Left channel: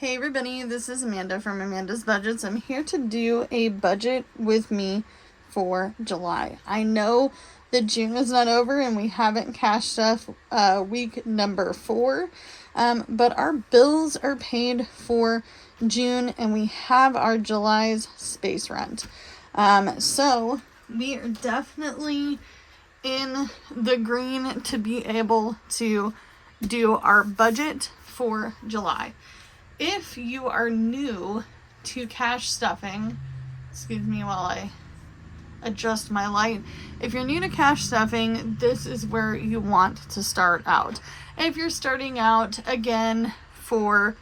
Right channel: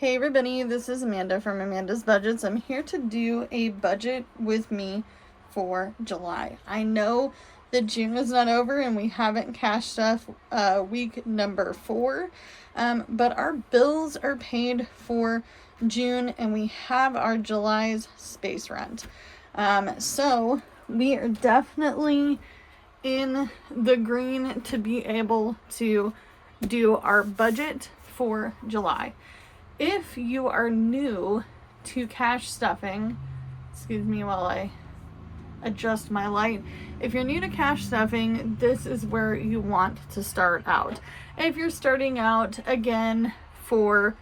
Hey everybody, this is Amanda from Amanda's Budgets. I'm here to do a budget with me for July. I know that June is not over and we haven't cashed stuff week number 4, but our bills are paid for June and we have our July's space rent. So we are definitely in the green to be able to do our budget for July. If you are new to cash stuffing, excuse me while I adjust my light. If you're new to cash stuffing, this is where you want to start out. If you're starting out again for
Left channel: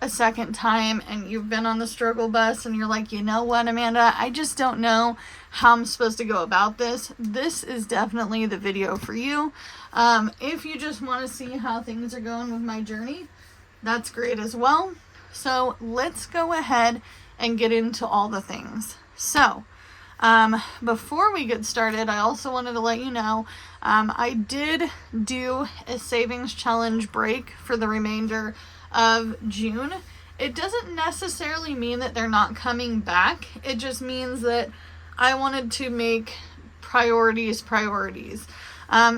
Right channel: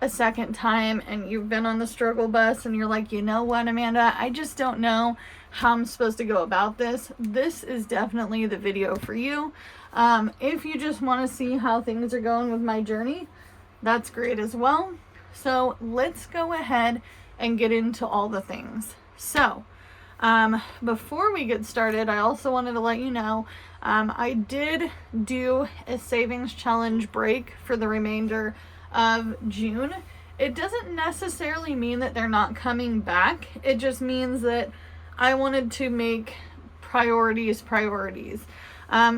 a second time and you've been on the struggle bus and you're like, you know what, Amanda, I just don't know how I'm supposed to go about this. This is definitely the video for you. If you just want to see how things are going with my journey, that's great as well. So let's go ahead and get into all the things. So before we get started, I also wanted to let you know, I did do a savings challenge break for the remainder of June. It doesn't necessarily mean that they're not coming back. It just means that I wanted to make priorities.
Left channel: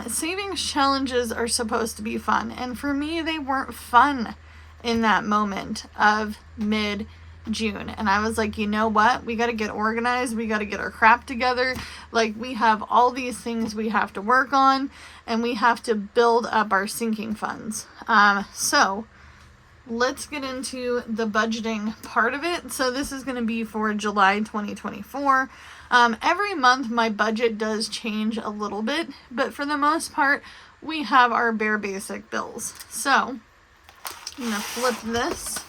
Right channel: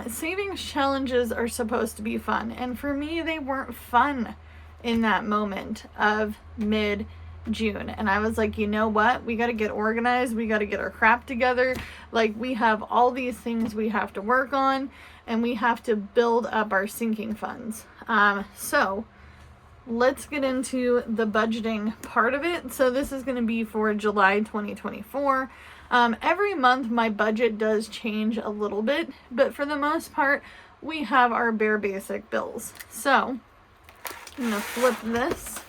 Savings challenges are supposed to be fun, and for me, they weren't fun in that moment of mid-June. And I was like, you know what? We got to get organized. We got to get our crap together. Like, we have all these things we have to work on, and we have to build up our sinking funds. So let's get into the budgeting part of it. So this is going to be for July 2024. Every month my budget does change a little bit, but for the most part, we have our bare basic bills. So I'm going to flip this.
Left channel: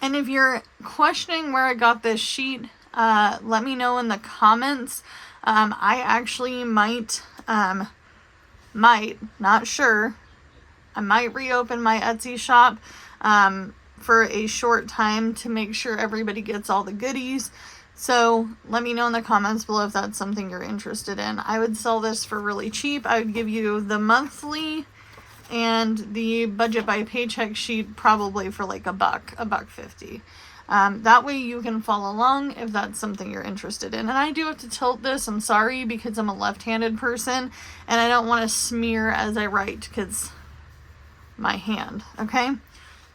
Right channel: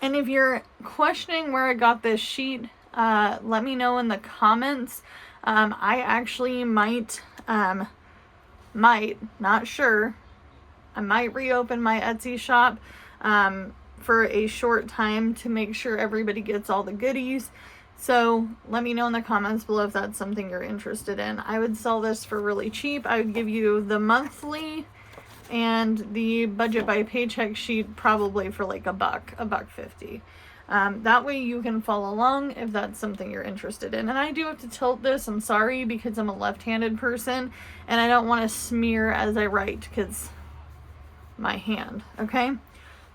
And if you're questioning where I got this sheet, let me know in the comments. I actually might, not sure, I might reopen my Etsy shop for a short time to make sure everybody gets all the goodies. So let me know in the comments below if that's something you're interested in. I would sell this for really cheap. I would give you the monthly and the budget by paycheck sheet probably for like $1.50. That way you can follow along if that's something you're interested in. And I do have to tilt this, I'm sorry, because I'm a left-handed person and I don't want to smear as I write because my hand, okay?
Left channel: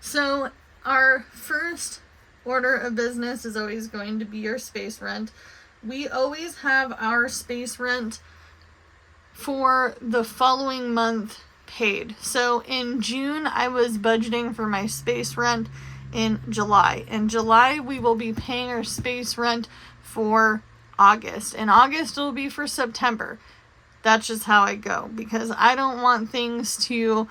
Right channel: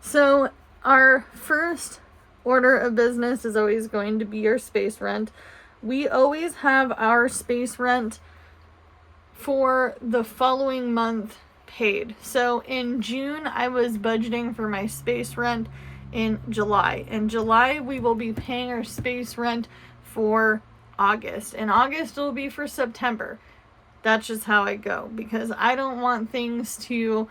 So our first order of business is always going to be your space rent. We always have our space rent for the following month paid. So in June, I was budgeting for my space rent in July. In July, we will be paying our space rent for August. In August, it will be for September. That's just how I go because I don't want things to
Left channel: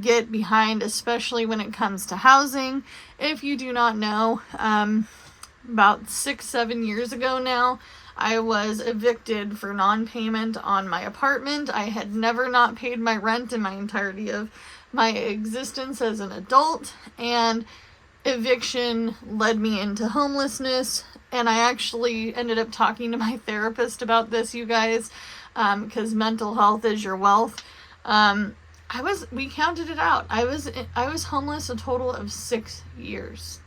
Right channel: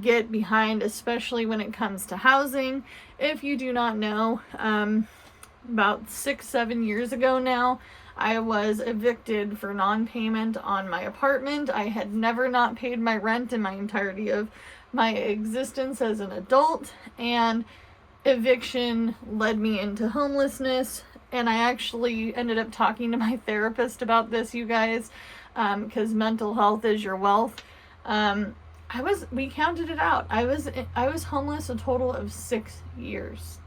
get behind, especially when it comes to housing. If you do not know, about 6-7 years ago now, I was evicted for non-payment on my apartment. I had never not paid my rent in my entirety of my existence as an adult, and eviction led me into homelessness. And I actually ended up talking to my therapist about this, you guys, because mental health is your wealth. We counted it out. I was homeless a total of 6 years.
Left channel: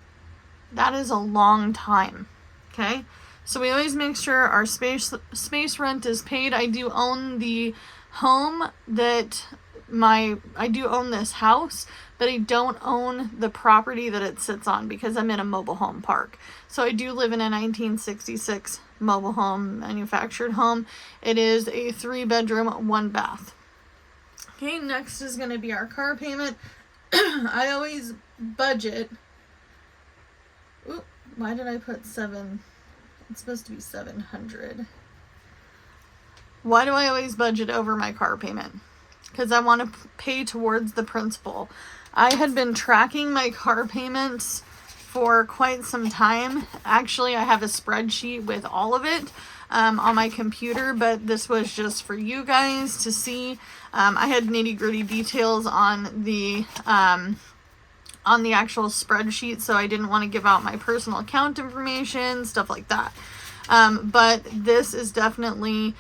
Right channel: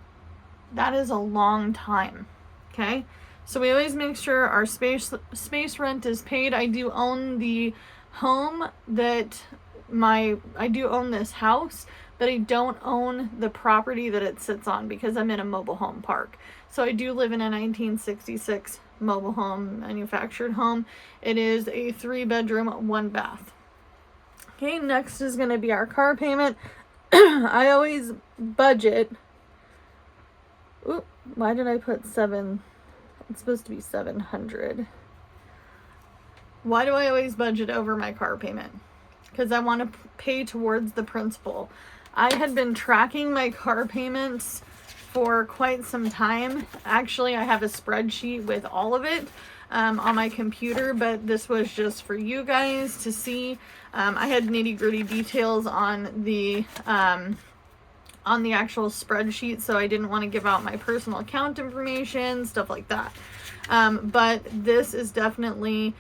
That is a long time. Okay. So we always make sure our space rent is paid. I do own the home I do own this house, but I don't own the property that it sits on because I'm in a mobile home park. So I do live in a 1966 mobile home, manufactured home. It is a 3-bedroom, 1-bath. Okay, next is going to be our car payment. I always budget. Ooh, why did I put 7? It's supposed to be 700. Why do I always budget over my car payment? Because I want to pay towards the principal. I had been tracking my car payments for quite some time. Actually, I have a spreadsheet with all of it on my computer, but this was just for you guys to see. I had nitty-gritty details on the actual spreadsheet, so I didn't want to give out my personal account information, stuff like that. But this has definitely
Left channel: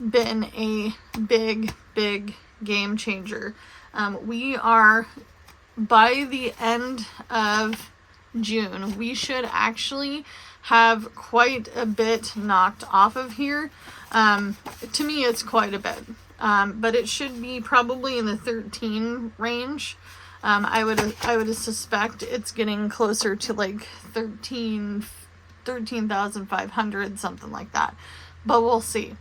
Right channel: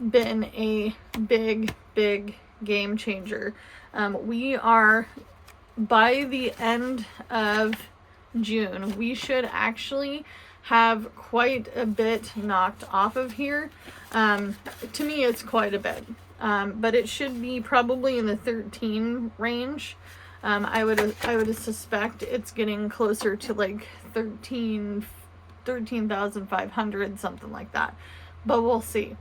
been a big game changer. We are by the end of June, we should actually have quite a bit knocked off of here. To me, it's quite a bit, but it should be probably in the 13 range. I would suspect it's getting closer to like 13,500, something like that. But we'll see.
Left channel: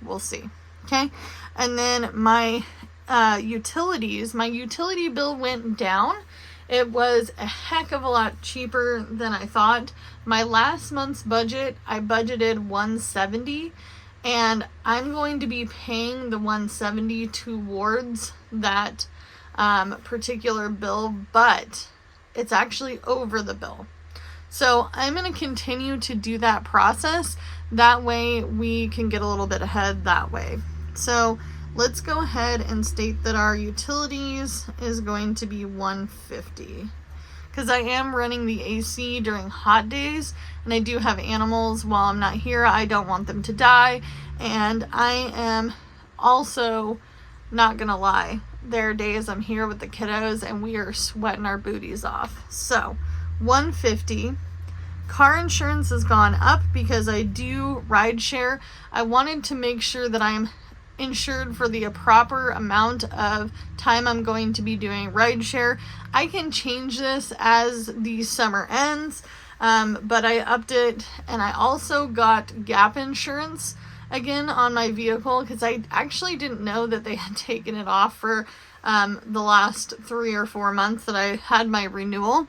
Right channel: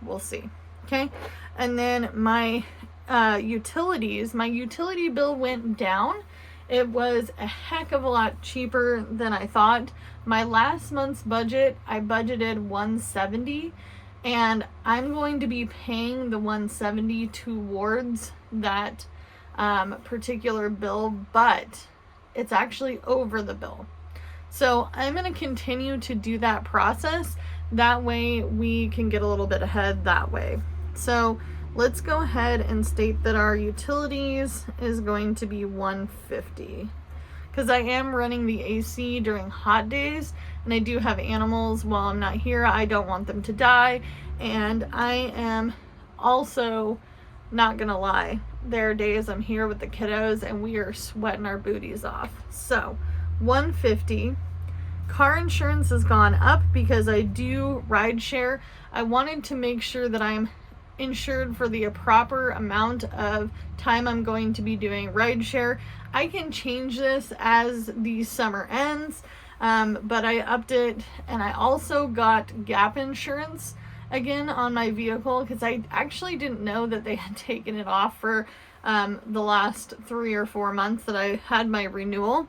Okay. And then my utilities, my utility bill went down. It was a heck of a lot cheaper than I thought. My last month's budget, I budgeted $170, and I'm going to be paying the $170 towards that particular bill, but it's actually over the bill. So I'm going to continue to do that process. That way we can get a little bit ahead that way. So let's go ahead and state that our utilities is going to be $150, because I am running the AC during hot days, and I do have animals while I'm not here. I don't want them to die, and I am also not gonna lie, there are days I'm here with the kiddos and we are sweating our booties off. So $150. Car insurance has gone up because I do ride share. I wanted to make sure that I'm insured for the proper amount of time I'm going to be doing ride share. I can change this as the summer ends, but I upped it, and I also got gap insurance again on my vehicle because I actually didn't know that they had taken it off for the last 3 or 4 months that I had my renewal.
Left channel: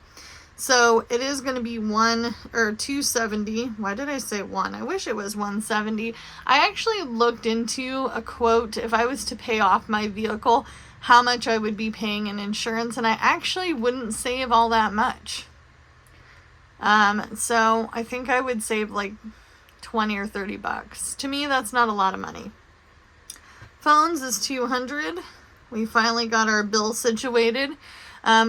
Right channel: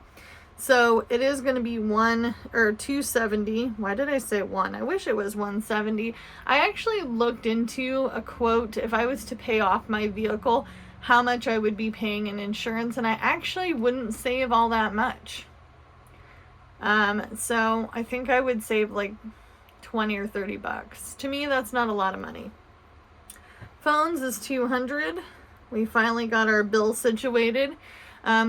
So it is going to be $270. Why did I say 1? I wish it was 170. I actually looked into a quote if I was to pay off my vehicle, how much I would be paying in insurance, and I actually wouldn't save all that much. So I think I would save like 20 or 30 bucks. To me, that's not a lot of money. Phones is $200. We finally got our bill situated.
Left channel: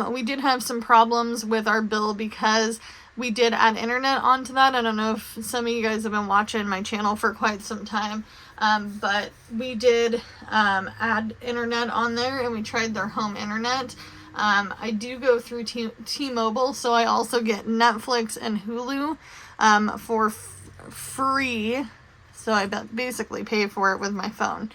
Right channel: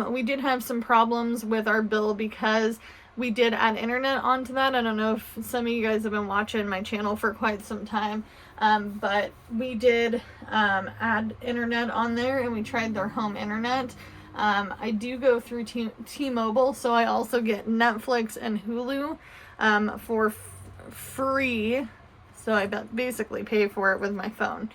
We did have some problems with our bill because we did add internet onto that. I don't know if some of you guys have been watching my channel for quite some time, but we did add internet on there, and we tried their home internet. I do go through T-Mobile, so I also get Netflix and Hulu for free. So I basically pay for it with my phone.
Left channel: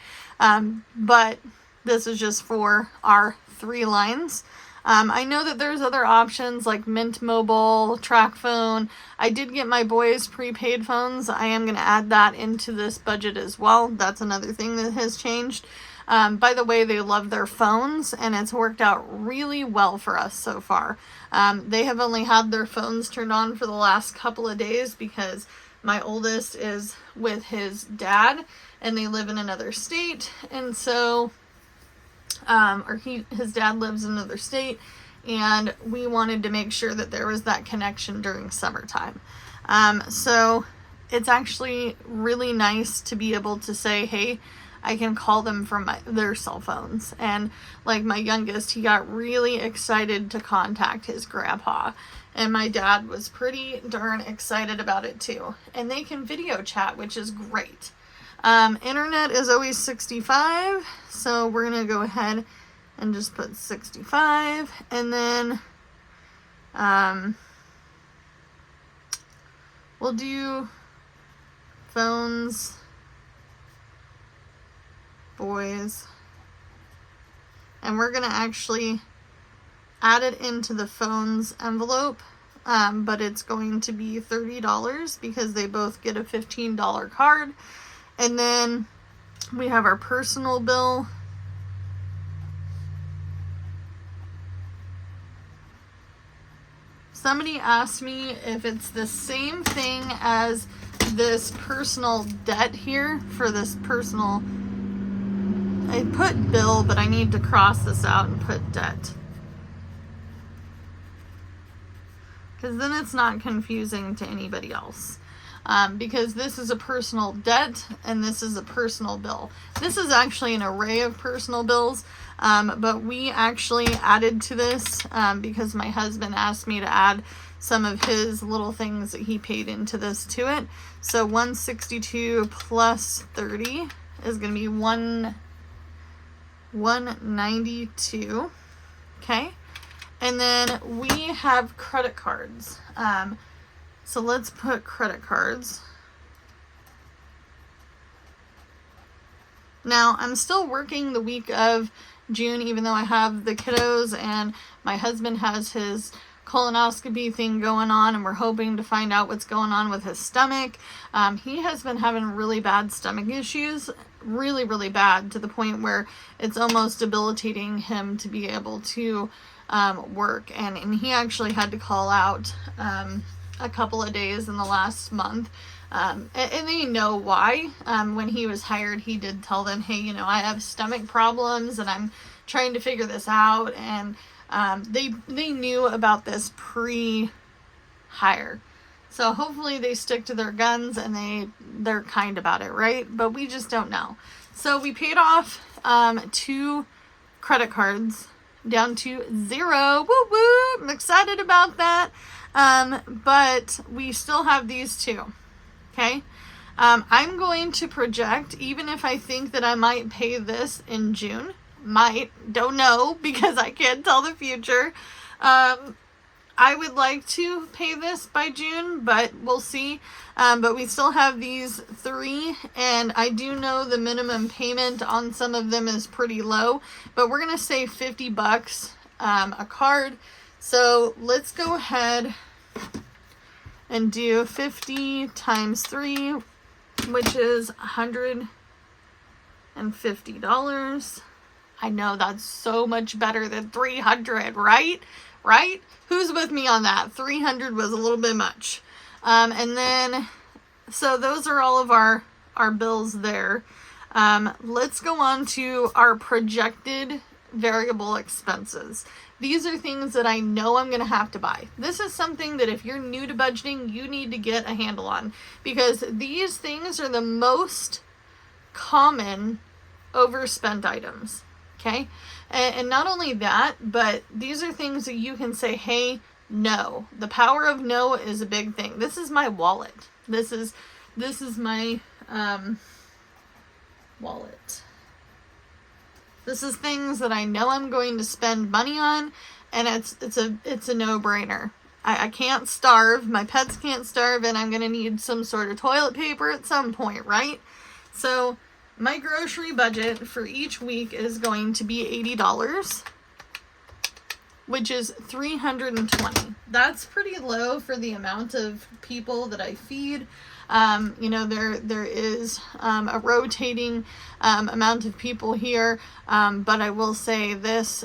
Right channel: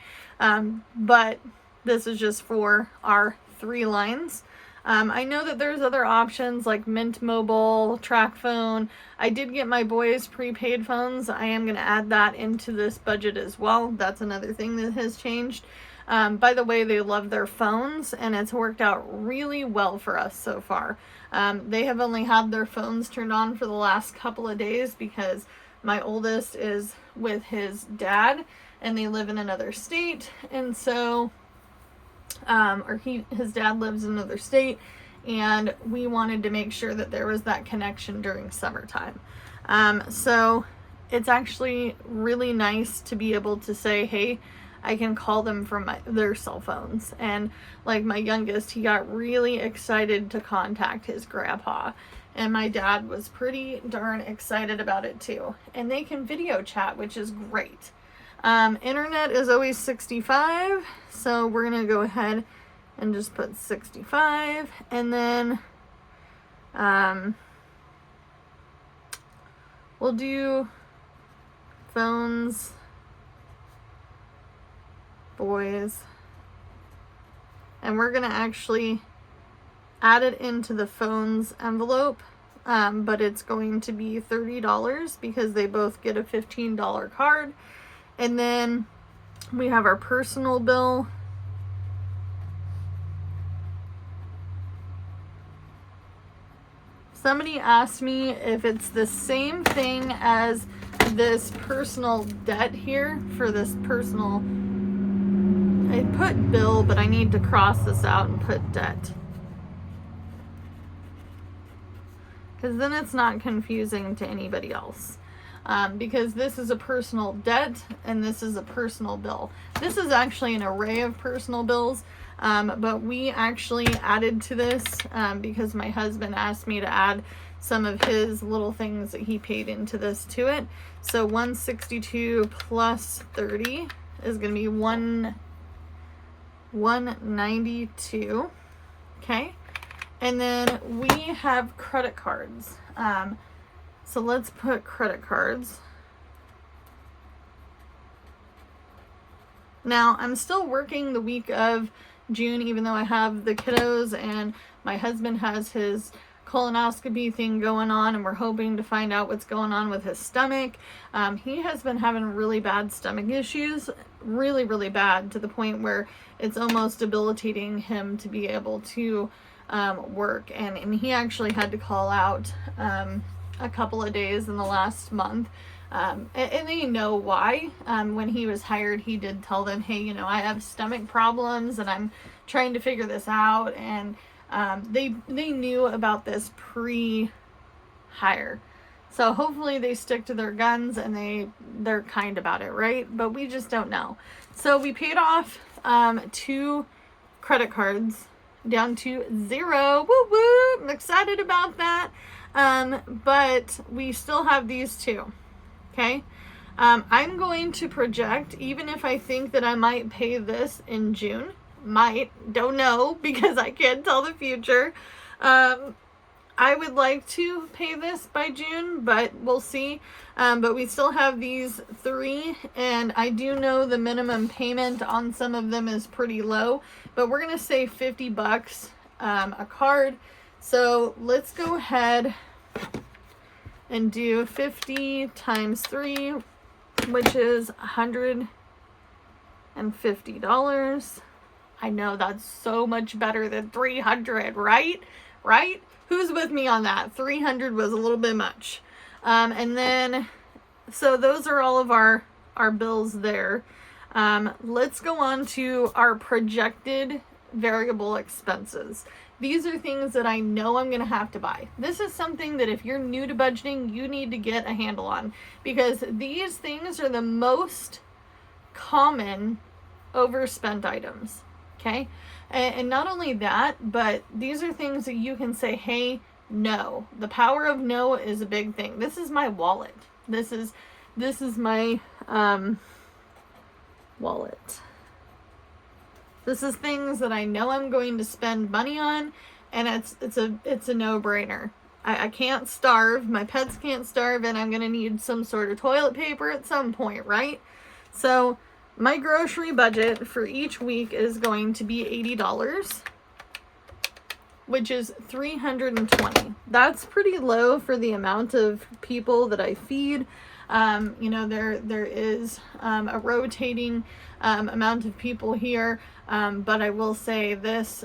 But this is just for our 3 lines. I know that there's other options like Mint Mobile, TracFone. I did get my boys prepaid phones. I am going to add that into this budget as well. That's another thing that has changed. By the way, they love their phones, and it's worked out really well for us so far. They have only had their phones turned on for the last couple of days because my oldest is with his dad, and they live in another state, and so his dad lives in another state, and we wanted to make sure that there was that connection during summertime. So it's actually really nice to be able to say, hey, I can call them from their cell phones. And like my youngest, he got really excited to contact his grandpa, and my dad was pretty darn excited about it too. And they can video chat, which is great. Internet is always 65, so we're gonna go ahead and just put 65, and then we'll do phones, boys, and we're gonna actually add it into the phones envelope, but it's going to be $30 because they both get a $15 card. And then we have our personal bill. Somebody asked me if it's the same thing as this personal debt here for this personal. I put bill, but I need to cross this out and put debt, because then it's not confusing to anybody else. Because this is a personal debt and this is a personal bill. This is actually an array of personal bills, but we actually added to this because my husband asked me to add some of his little things that he paid into this to it. So 162 plus 30 is going to be 192. Okay. And then we have credit cards. So let's put credit cards. Now, I'm still working the week of June, even though I have the kiddos and my husband has his colonoscopy thing going on, and we're hoping to find out what's going on with his stomach. He has been having really bad stomach issues, really, really bad, to the point where it's almost debilitating him to be able to work. And he actually had to call out a couple of days in the last month. And they know why. When he was hired, he did tell them, hey, you know, I have stomach problems and I'm trying to figure this out. And they knew about this pre-hire. So hopefully they stick to their guns and they're kind about it, right? But we just don't know. So we paid off 2 credit cards down to 0. Woo woo! I'm excited about that. But we still have these 2. Okay. I'm going to project, even if I think that I might pay this in June, don't know, because I can't tell the future. I would like to pay this by June, but we'll see. But we still have these 3, and I do know the minimum payment on some of them is pretty low, but we're going to say $50 a card. So let's go ahead and do 50 times 3, which is $150. I know that's so much better than 300, right? Right? Who's with me on that? 300 was a little bit much. And then, so those are all of our bills there. Let's go on to our projected variable expenses. These are things that I know I'm going to have to buy. This is something that if you're new to budgeting, you need to get a handle on, because these things are the most common overspent items. Okay. And not only that, but these are things that you can say, hey, no. The power of no is a big thing. This is my wallet. This is my wallet. This is things that I know I'm going to spend money on, and it's a no-brainer. I can't starve. My pets can't starve, and I'm going to need some sort of toilet paper at some point, right? So my grocery budget for each week is going to be $80, which is $320. That's pretty low for the amount of people that I feed. You know, there is a rotating amount of people here, but I will say this,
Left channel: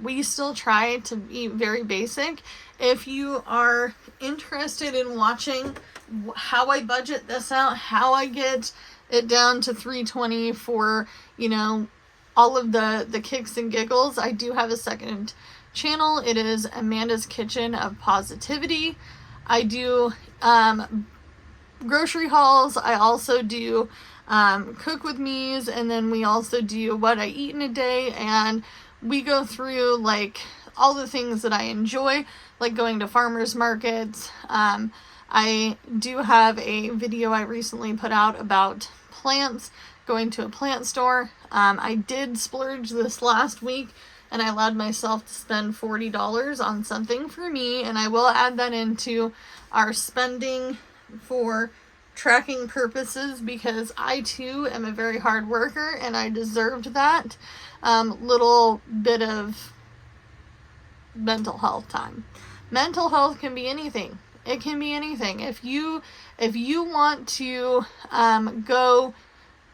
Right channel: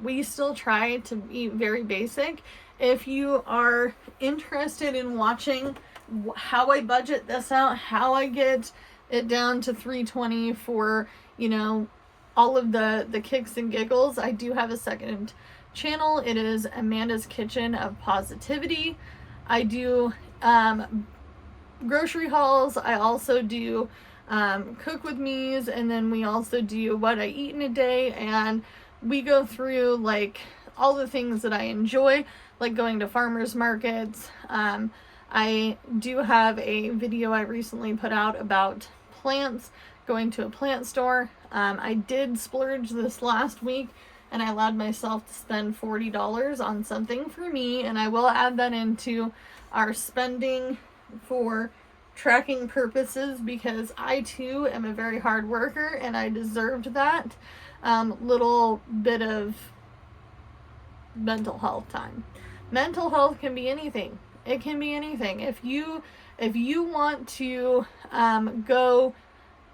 we still try to eat very basic. If you are interested in watching how I budget this out, how I get it down to $320 for, you know, all of the kicks and giggles, I do have a second channel. It is Amanda's Kitchen of Positivity. I do grocery hauls. I also do cook with me's, and then we also do what I eat in a day, and we go through like all the things that I enjoy, like going to farmers markets. I do have a video I recently put out about plants, going to a plant store. I did splurge this last week, and I allowed myself to spend $40 on something for me, and I will add that into our spending for tracking purposes, because I too am a very hard worker and I deserved that little bit of mental health time. Mental health can be anything. It can be anything. If you want to go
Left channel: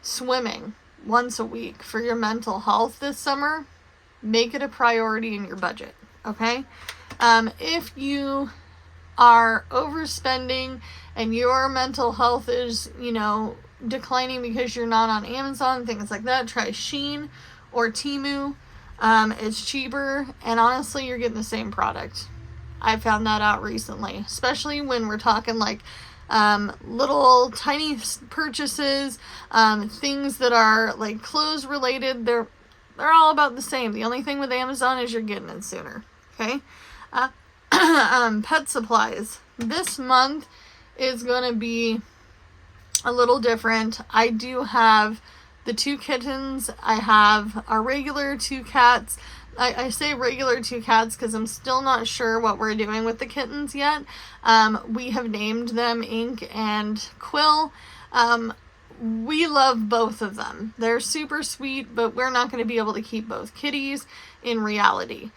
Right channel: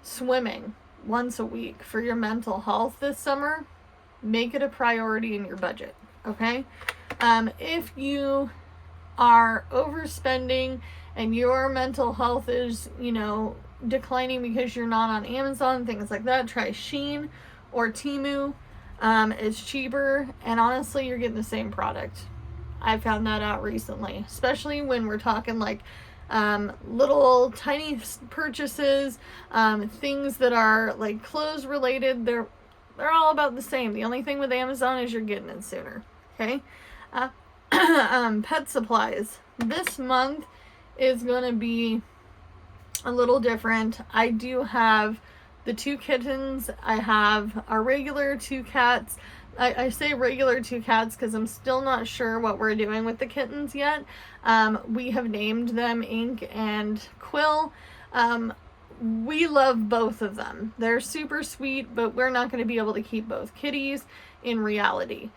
swimming once a week for your mental health this summer, make it a priority in your budget. Okay? If you are overspending and your mental health is, you know, declining because you're not on Amazon, things like that, try Shein or Temu. It's cheaper, and honestly, you're getting the same product. I found that out recently, especially when we're talking like little tiny purchases, things that are like clothes related. They're all about the same. The only thing with Amazon is you're getting it sooner. Okay. Pet supplies. This month is going to be a little different. I do have the 2 kittens. I have our regular 2 cats. I say regular 2 cats because I'm still not sure what we're doing with the kittens yet. We have named them Ink and Quill. We love both of them. They're super sweet, but we're not going to be able to keep both kitties in reality.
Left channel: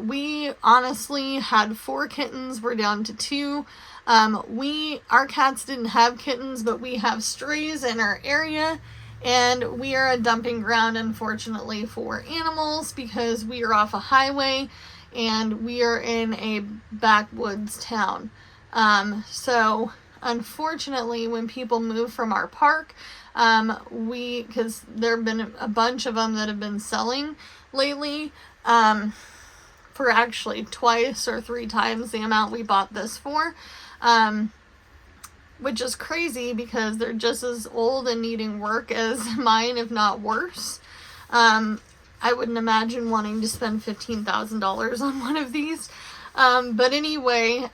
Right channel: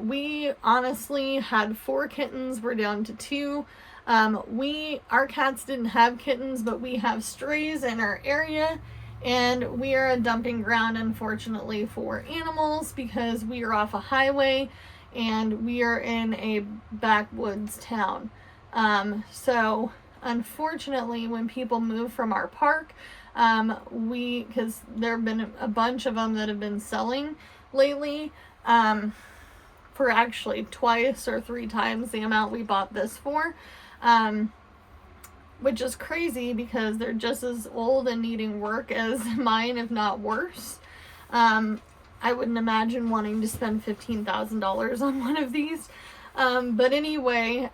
We honestly had 4 kittens. We're down to 2. Our cats didn't have kittens, but we have strays in our area. And we are a dumping ground, unfortunately, for animals because we are off a highway and we are in a backwoods town. So unfortunately, when people move from our park, because there have been a bunch of them that have been selling lately, for actually twice or 3 times the amount we bought this for, which is crazy because they're just as old and needing work as mine, if not worse. I wouldn't imagine wanting to spend $15,000 on one of these. But anyway,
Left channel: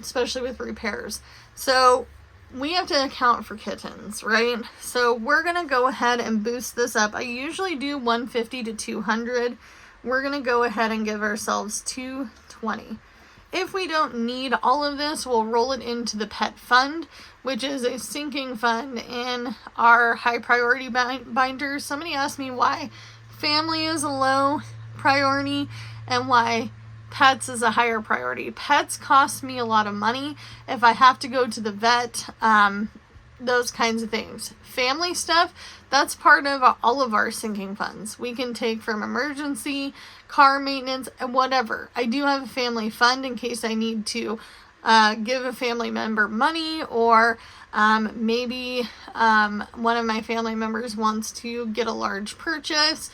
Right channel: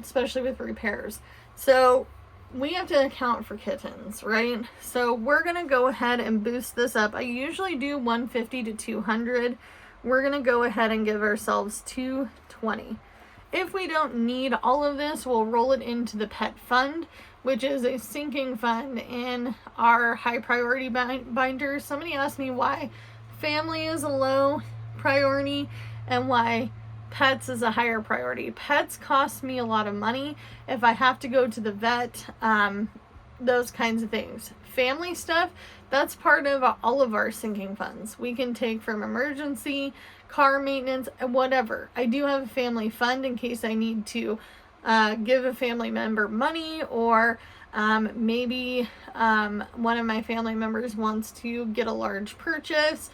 especially with repairs. So we have to account for kittens, right? So we're going to go ahead and boost this up. I usually do 150 to 200. We're going to go ahead and give ourselves 220. If we don't need all of this, we'll roll it into the pet fund, which is a sinking fund in our high priority binders. Somebody asked me why family is a low priority and why pets is a higher priority. Pets cost me a lot of money if I have to go to the vet, those kinds of things. Family stuff, that's part of all of our sinking funds. We can take from emergency, car maintenance, and whatever. I do have a family fund in case I need to give a family member money, or maybe one of my family members wants to get a large purchase,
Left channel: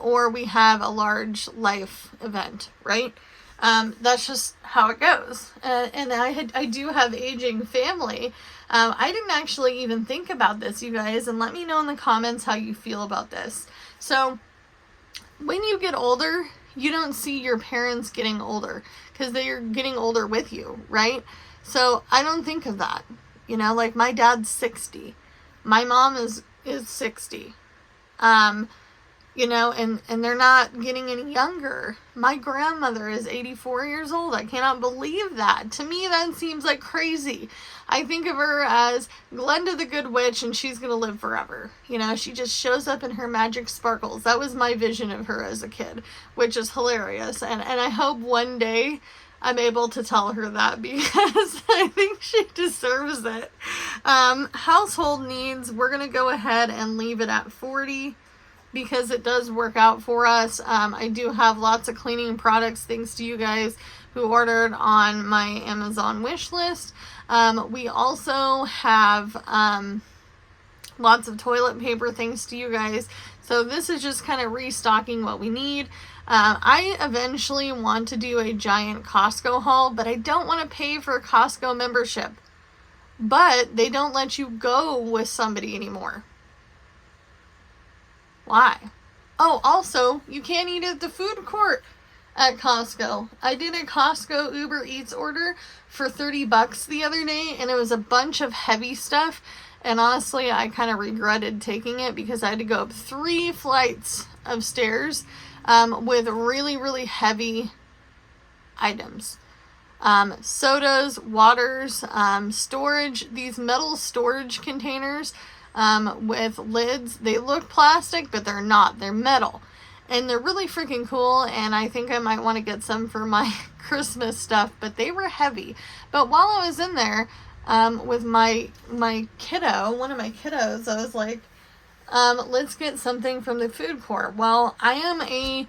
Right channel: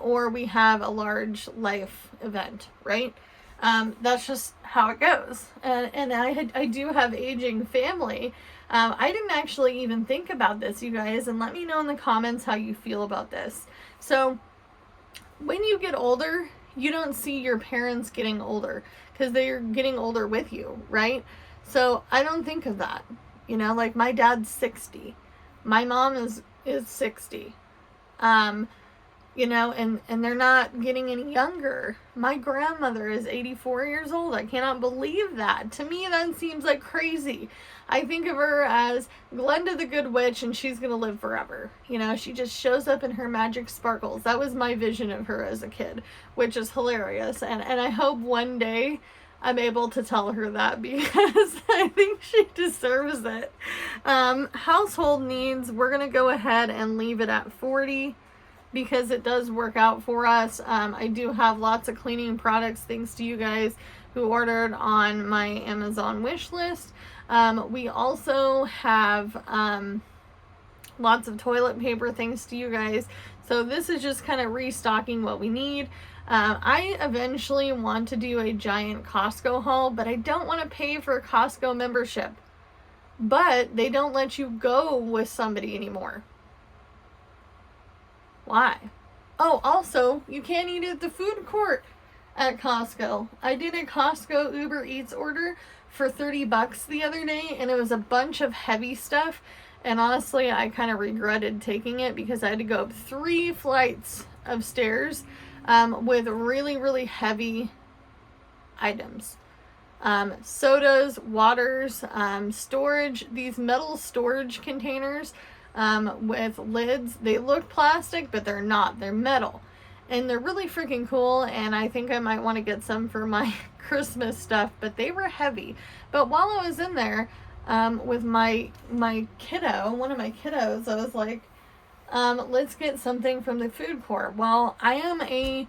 or we have a large life event, right? That's just how it goes. And I do have aging family. I didn't actually even think about this, you guys, and let me know in the comments how you feel about this. So when you get older, you don't see your parents getting older because they're getting older with you, right? So I don't think of that. You know, like my dad's 60. My mom is 60. You know, and they're not getting any younger. My grandmother is 84 years old. I cannot believe that. To me, that seems like crazy. I think of her as Glenda the Good Witch, and she's going to live forever. You know, she just shows up in her magic sparkles. That was my vision of her as a kid, which is hilarious. And I hope one day I'm able to tell her that because I think she deserves it. Household needs, we're going to go ahead and leave it at 40. Because it does work out for us. I do have lots of cleaning products thanks to you guys who ordered on my Amazon wish list. We also have lots of toilet paper thanks to you guys. So this is just kind of restocking what we need. I eventually want to do a giant Costco haul, but I don't want to pay for a Costco membership. But they don't let you go with somebody anymore. Why? Oh, also, you can't eat at the food court at Costco. I did a Costco Uber Eats order for $30 the other day, and it was a bunch of heavy stuff. And honestly, I kind of regretted taking it because I had to go up 3 flights of stairs with really, really heavy items. Sodas, waters, storage, these metal storage containers with lids. They look plastic, but they're not. They're metal. And they're really freaking cool, and I think I might want to get some for my Christmas stuff, but they were heavy. But while I was in there with my kiddo, one of my kiddos, I was like, let's get something from the food court. Well, I'm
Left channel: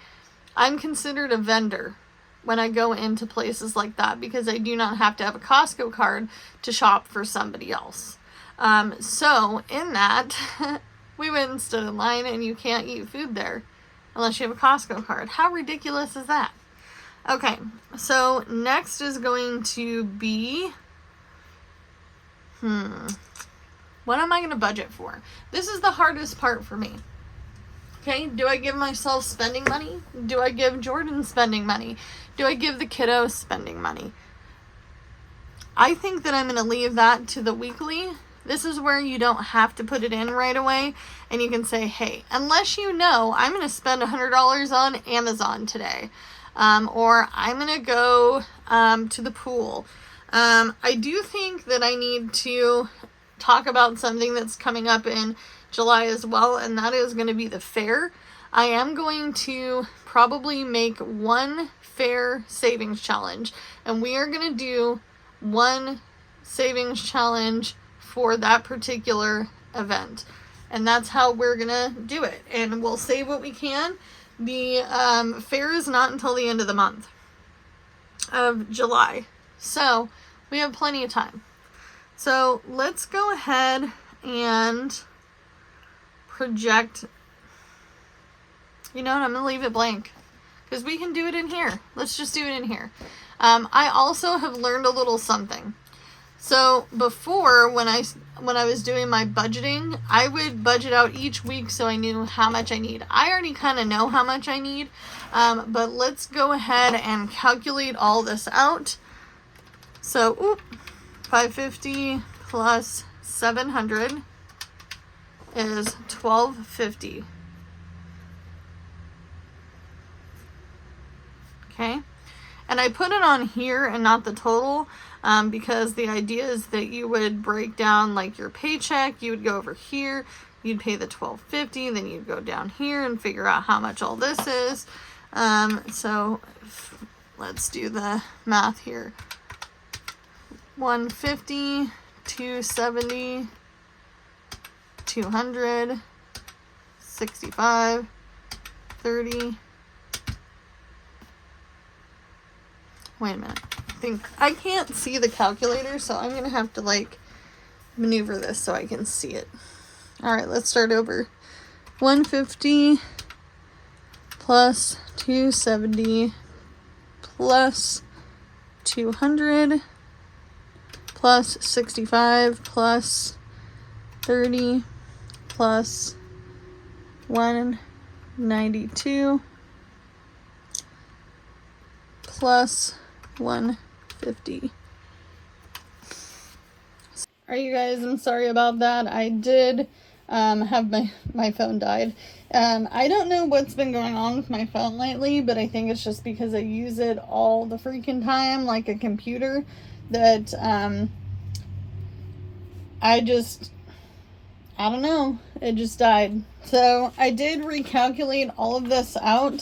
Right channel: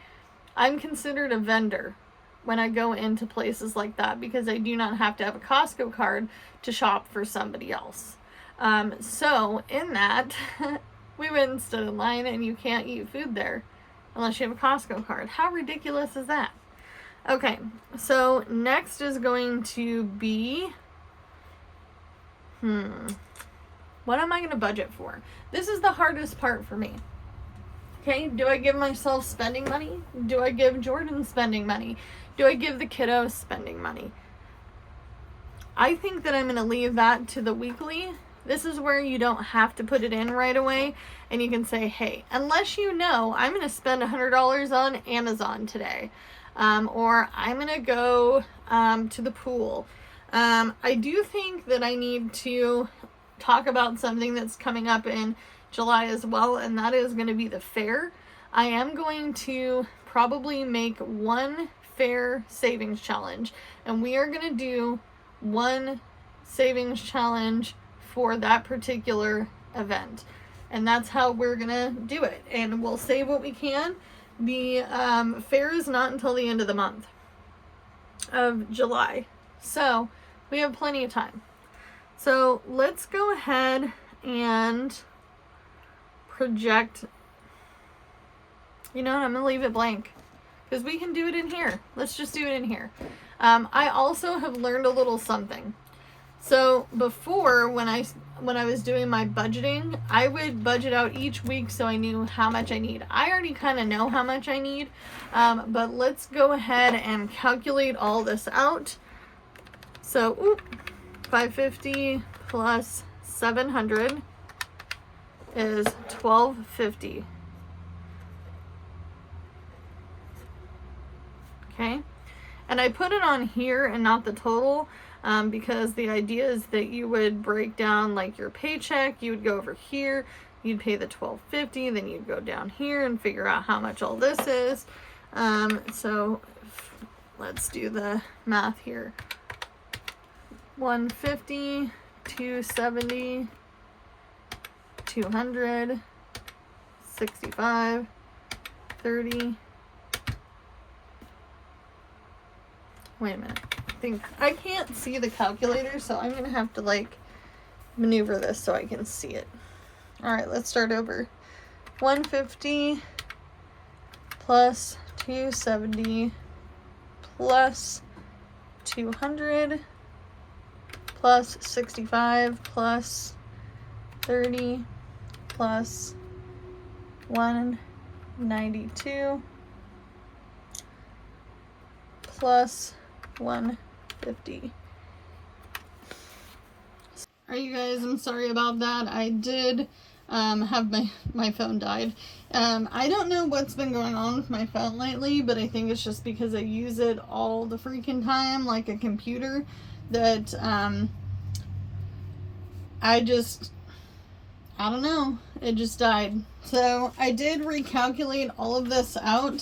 considered a vendor when I go into places like that because I do not have to have a Costco card to shop for somebody else. So in that, we went and stood in line, and you can't eat food there unless you have a Costco card. How ridiculous is that? Okay, so next is going to be, what am I going to budget for? This is the hardest part for me. Okay, do I give myself spending money? Do I give Jordan spending money? Do I give the kiddo spending money? I think that I'm going to leave that to the weekly. This is where you don't have to put it in right away, and you can say, hey, unless you know I'm going to spend $100 on Amazon today, or I'm going to go to the pool. I do think that I need to talk about something that's coming up in July as well, and that is going to be the fair. I am going to probably make one fair savings challenge, and we are going to do one savings challenge for that particular event, and that's how we're going to do it, and we'll save what we can. The fair is not until the end of the month of July, so we have plenty of time. So let's go ahead and project. You know what, I'm going to leave it blank because we can do it in here. Let's just do it in here. I also have learned a little something. So before, when I was doing my budgeting, I would budget out each week so I knew how much I need. I already kind of know how much I need, but let's go ahead and calculate all this out. So, 550 plus 700 is 1250. Okay, and I put it on here and not the total because the idea is that you would break down like your paycheck. You would go over here, you'd pay the $12.50, then you'd go down here and figure out how much all this is. So let's do the math here. 150, 270, 200, 65, 30. Wait a minute. I can't see the calculator, so I'm going to have to like maneuver this so I can see it. All right, let's start over. 150 plus 270 plus 200 plus 65 plus 30 plus 192 plus 150. All right, you guys, I'm sorry about that. I did have my phone died. I don't know what's been going on with my phone lately, but I think it's just because I use it all the freaking time like a computer that I don't know, it just died. So I did recalculate all of this out.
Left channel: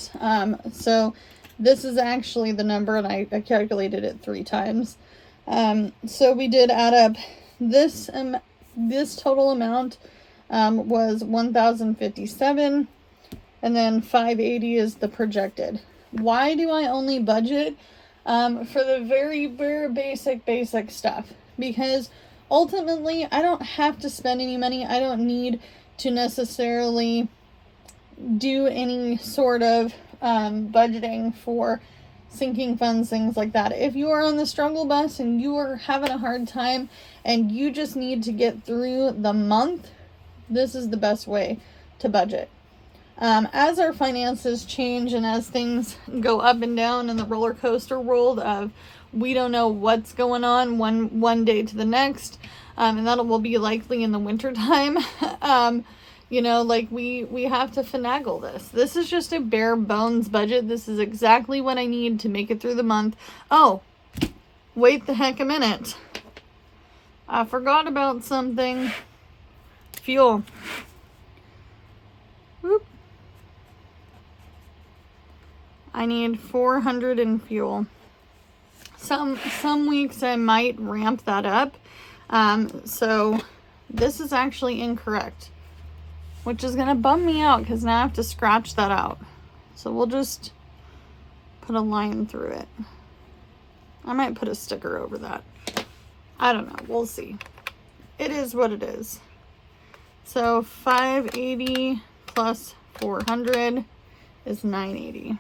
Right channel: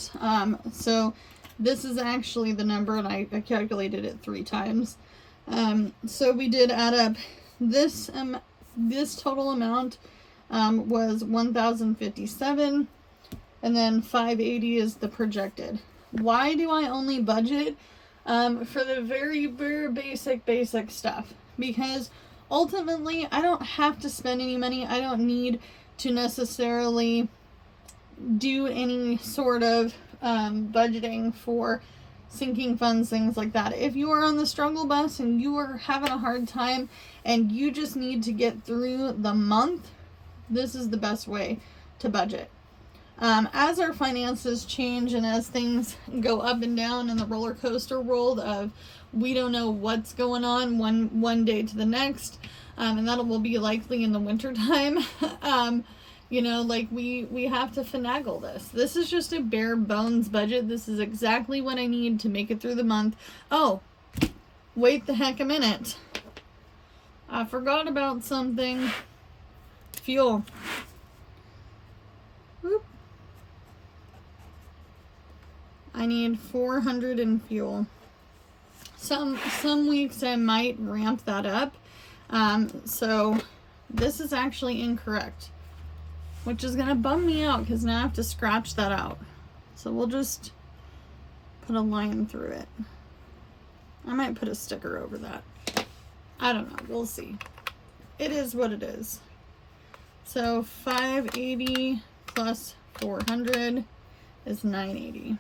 So this is actually the number, and I calculated it 3 times. So we did add up this total amount was 1,057, and then 580 is the projected. Why do I only budget for the very, very basic stuff? Because ultimately, I don't have to spend any money. I don't need to necessarily do any sort of budgeting for sinking funds, things like that. If you are on the struggle bus and you are having a hard time and you just need to get through the month, this is the best way to budget. As our finances change and as things go up and down in the roller coaster world of we don't know what's going on one day to the next, and that will be likely in the winter time. You know, like we have to finagle this. This is just a bare bones budget. This is exactly what I need to make it through the month. Oh, wait the heck a minute. I forgot about something. Fuel. Whoop. I need 400 in fuel. Some weeks I might ramp that up. So this is actually incorrect, which is going to bum me out because now I have to scratch that out. So we'll just put a line through it. I might put a sticker over that. I don't know. We'll see. It is what it is. So 580 plus 400 is 980.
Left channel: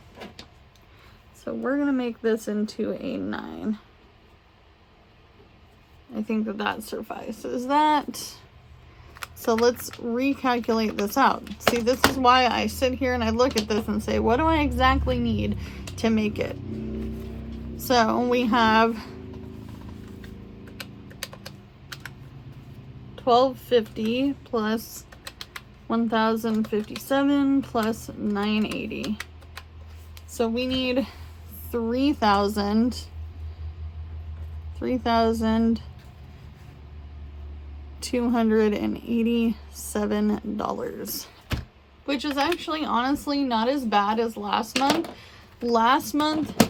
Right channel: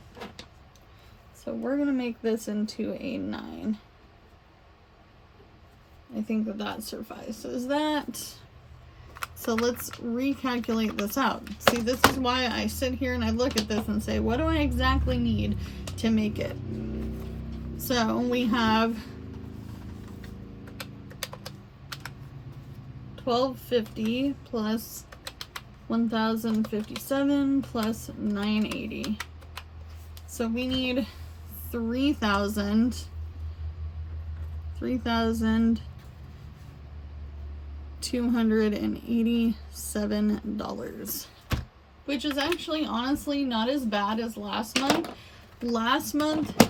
So we're going to make this into a 9. I think that suffices that. So let's recalculate this out. See, this is why I sit here and I look at this and say, what do I exactly need to make it? So we have $1,250 plus 1,057 plus 980. So we need $3,287, which is actually honestly not as bad as last month. Last month,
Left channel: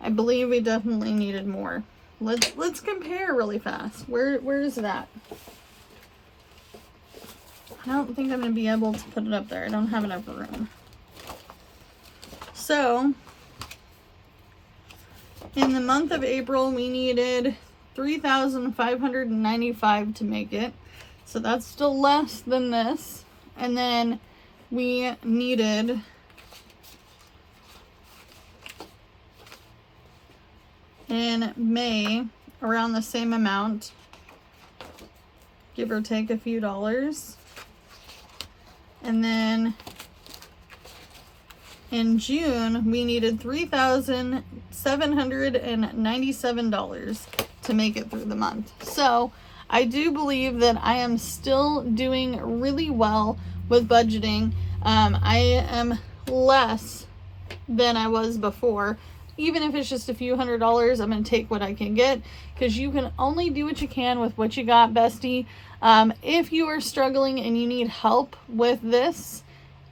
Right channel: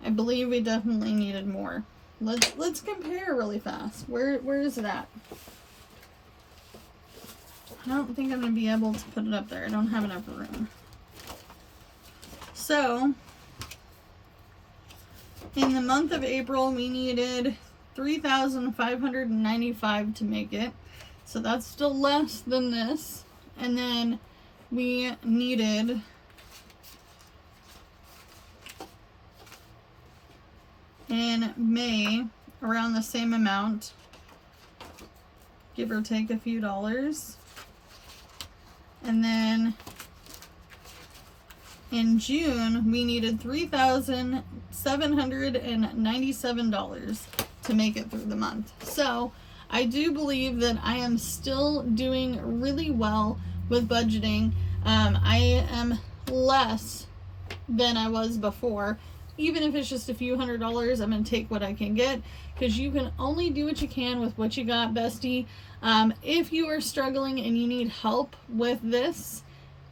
I believe we definitely needed more. Let's compare really fast. Where is it at? I don't think I'm gonna be able to put it up there. I don't have enough room. So in the month of April, we needed 3,595 to make it. So that's still less than this. And then we needed in May around the same amount, give or take a few dollars. And then in June, we needed $3,797 to make it through the month. So I do believe that I am still doing really well with budgeting. I am less than I was before. Even if it's just a few $100s, I'm going to take what I can get, because you can only do what you can with what you got, bestie. If you are struggling and you need help with this,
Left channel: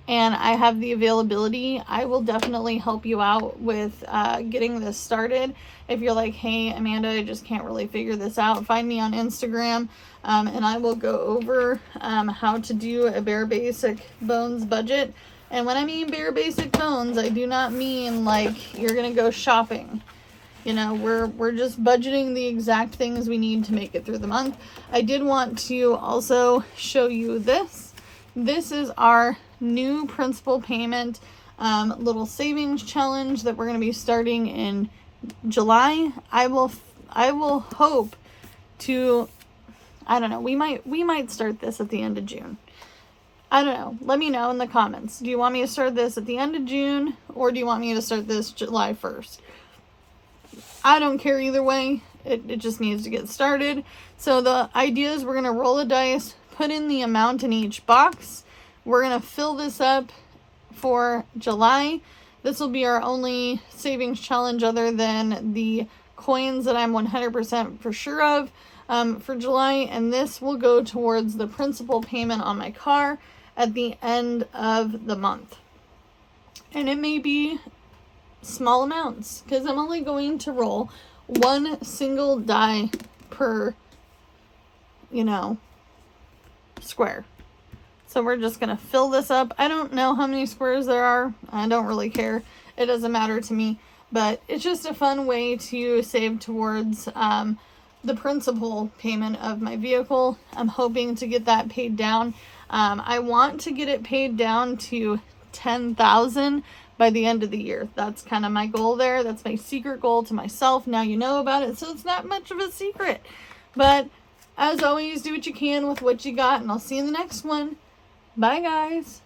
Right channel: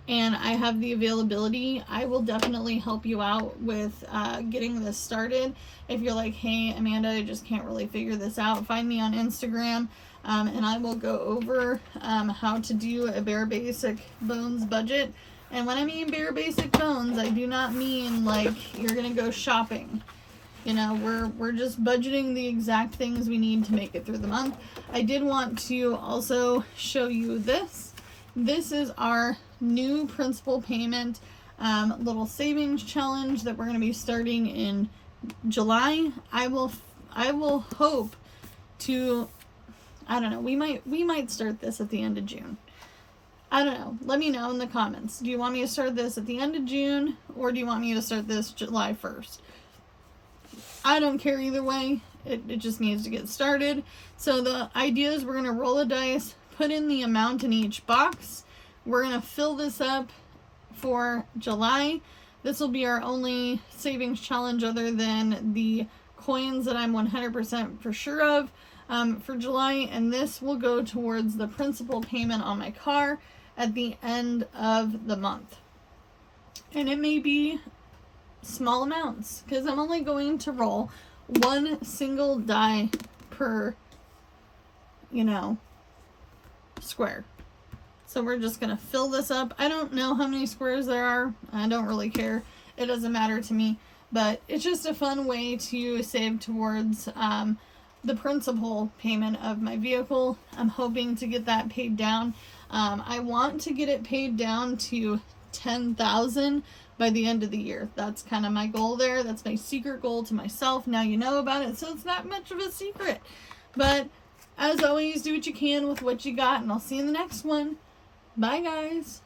and I have the availability, I will definitely help you out with getting this started. If you're like, hey, Amanda, I just can't really figure this out, find me on Instagram, and I will go over how to do a bare basic bones budget. And when I mean bare basic bones, I do not mean like you're gonna go shopping. You know, we're just budgeting the exact things we need to make it through the month. I did want to also show you this. This is our new principal payment little savings challenge that we're going to be starting in July. I will hope to, I don't know, we might start this at the end of June. I don't know. Let me know in the comments. Do you want me to start this at the end of June, or do you want me to start this July 1st? I don't care either way. It just needs to get started. So the idea is we're going to roll a dice, put in the amount in each box. We're going to fill this up for July. This will be our only savings challenge other than the coins that I'm 100% for sure of for July. And this will go towards the principal payment on my car at the end of the month. And it may be small amounts, because I'm only going to roll one single die per, square. So we're just going to fill this up. I don't know how many squares there are. I don't really care. It doesn't matter to me. But it's just a fun way to save towards the principal payment of my vehicle. I'm hoping to get that paid down. I want to get it paid down to $10,000 by the end of the year. That's kind of my goal there. That's my secret goal to myself. Now you know about it, so it's not much of a secret. But as always, do what you can with what you got, and I'll see you in the next one. Bye, guys.